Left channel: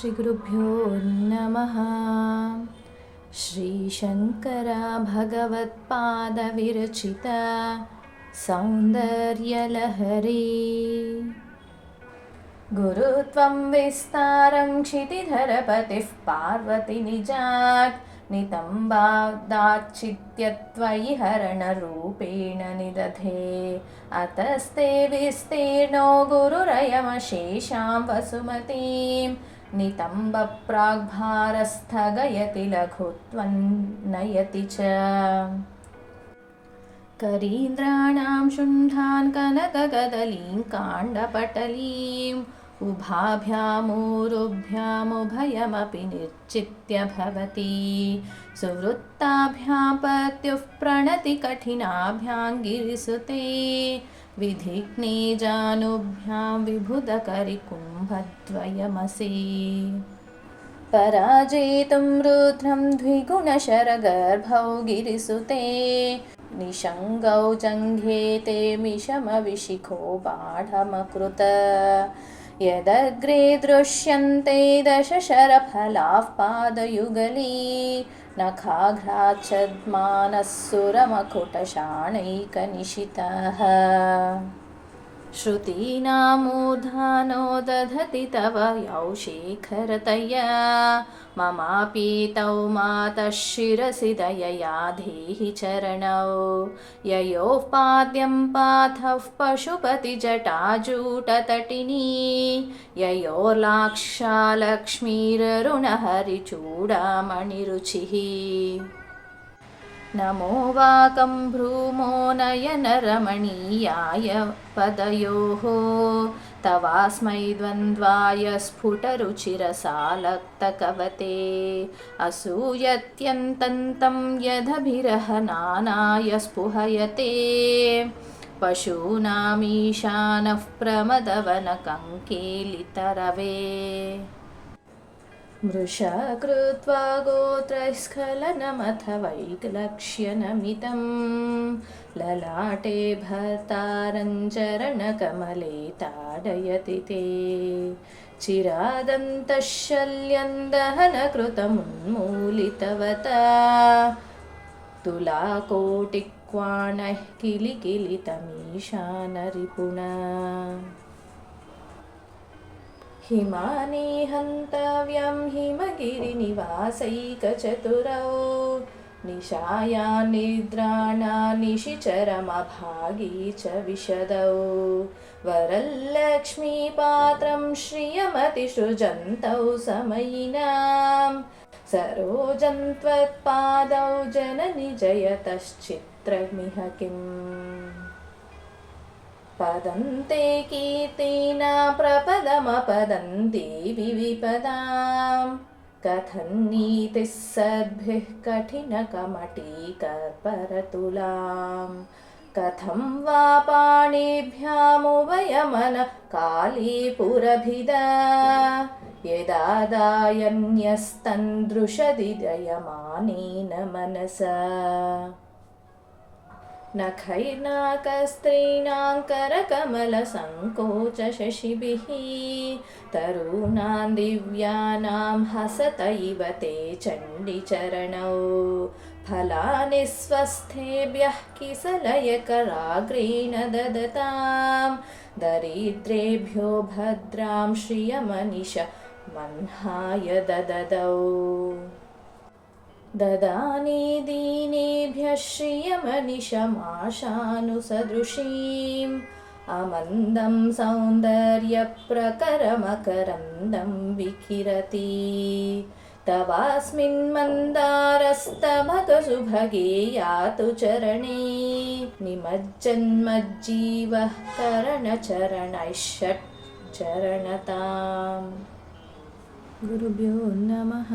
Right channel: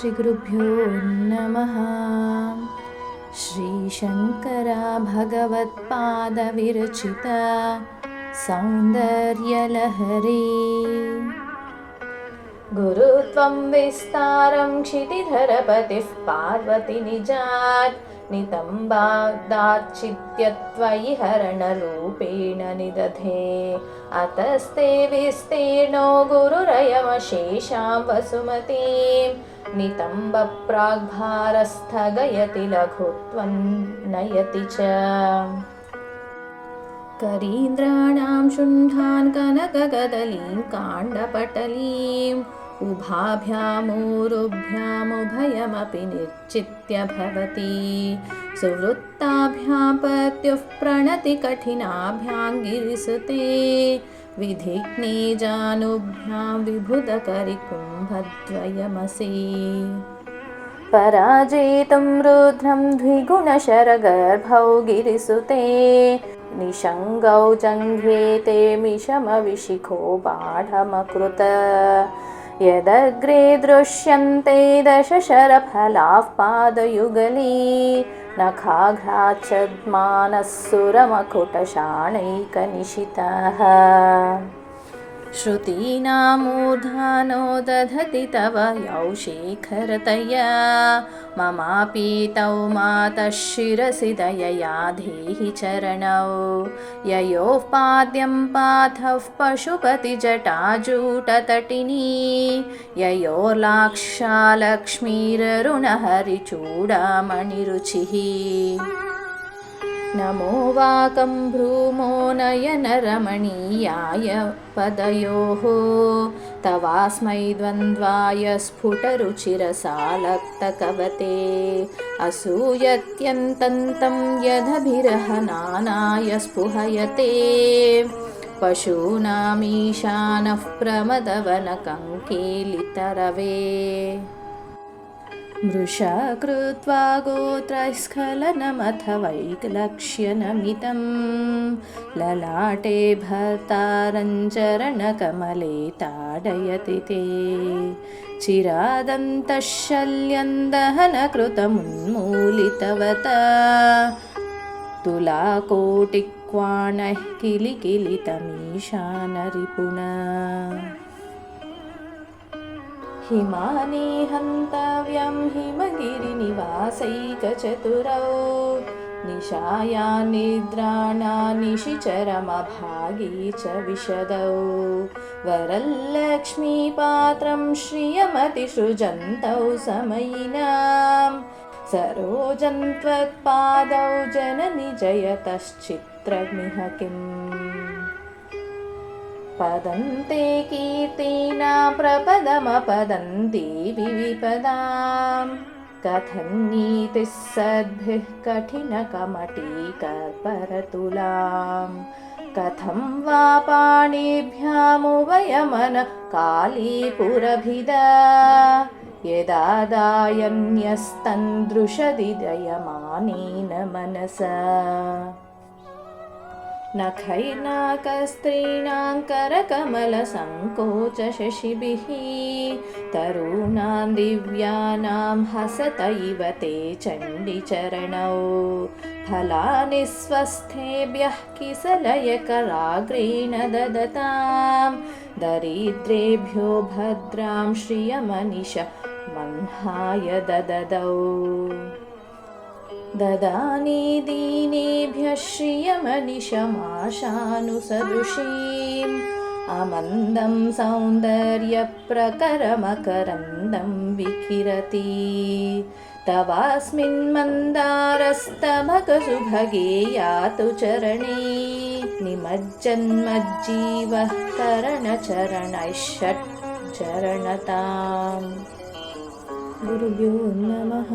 श्रीगुरुभ्यो नमः। श्रीशङ्करा भगवत्पादविरचिता सौन्दर्यलहरी। गुरुत्वं विस्तारं क्षितिधरपतिः पार्वती निजात् नितम्बादाच्चित्यत्वयि हरणरूपेण निदधे। अतस्ते विस्तीर्णो गुरुरयमशेषां वसुमतीं नितम्बप्राग्भारस्थगयति लघुत्वं नयति च। करीन्द्राणां शुण्डान् कनकगदलीं काण्डपटलीम् उभाभ्यामूरुभ्यामुभयमपि निर्चित्य भवति। सुवृत्ताभ्यां पत्युः प्रणति कठिनाभ्यां गिरिसुते विधिघ्ने जानुभ्यां विबुधकरिकुम्भद्वयमसि। पराजेतुं रुद्रं द्विगुणशरगर्भौ गिरिसुते निषङ्गौ जङ्घेते मिषमविशिखो बाढमकृत। यदग्रे दृश्यन्ते दशशरफलाः पादयुगली नखाघ्राच्छद्मानः सुरमकुटशाणैकनिशितः। श्रुतीनामूर्धानो दधति तव यौ शेखरतया ममापि तौ मातः शिरसि दयया धेहि चरणौ। ययोः पाद्यं पाथः पशुपतिजटाजूटतटिनी ययोर्लाक्षालक्ष्मीररुणहरिचूडामणिरुचिः। नमो वाकं भ्रूमो नयनरमणीयाय पदयोः तवास्मै द्वन्द्वाय स्फुटरुचिरसालक्तकवते। असूयत्यन्तन्तं यदभिरहनानाय स्पुहयते पशूनामीशानः प्रमदवनकङ्केलितरवे। मृषा कृत्वा गोत्रस्खलनमथ वैलक्ष्यनमितं ललाटे भर्तारं चरणकमले ताडयति ते। चिरादन्तः शल्यं दहनकृतमुन्मूलितवता तुलाकोटिक्वाणः किलिकिलितमीशानरिपुणा। हिमानि हन्तव्यं हिमगिरिनिवासैकचतुरौ निशाया निद्राणा निशिचरमभागी च विशदौ। वरलक्ष्मीपात्रं श्रियमतिसृजन्तौ समयिनां सरोजं त्वत्पादौ जननि जयतश्चित्रमिह किम्। पदन्ते कीर्तिना प्रपदमपदन्ति विविपदां कथं नीतिः सद्भिः कठिनकमटीकर्परतुलां। कथं वा पाणिभ्यामुभयमन कालीपुरभिदा यदादायन्यस्तन्दृशदि दयमानेन मनसा। नखैर्नाकस्त्रीणां करकमलसङ्कोचशशिभिः तरूणां दिव्यानां हसत इव ते चण्डीचरणौ। फलानि स्वस्थेभ्यः किसलयकराग्रेण ददतां दरिद्रेभ्यो भद्रां श्रियमनिश मह्नाय दददौ। ददानि दीनेभ्यः श्रियमनिशमाशानुसदृशीम् अमन्दं सौन्दर्यप्रकरमकरन्दं विकिरति। तवास्मिन् मन्दारस्तमकसुभगे यातु चरणे निमज्जन्मज्जीवः करणचरणैः षट्चरणताम्। गुरुभ्यो नमः।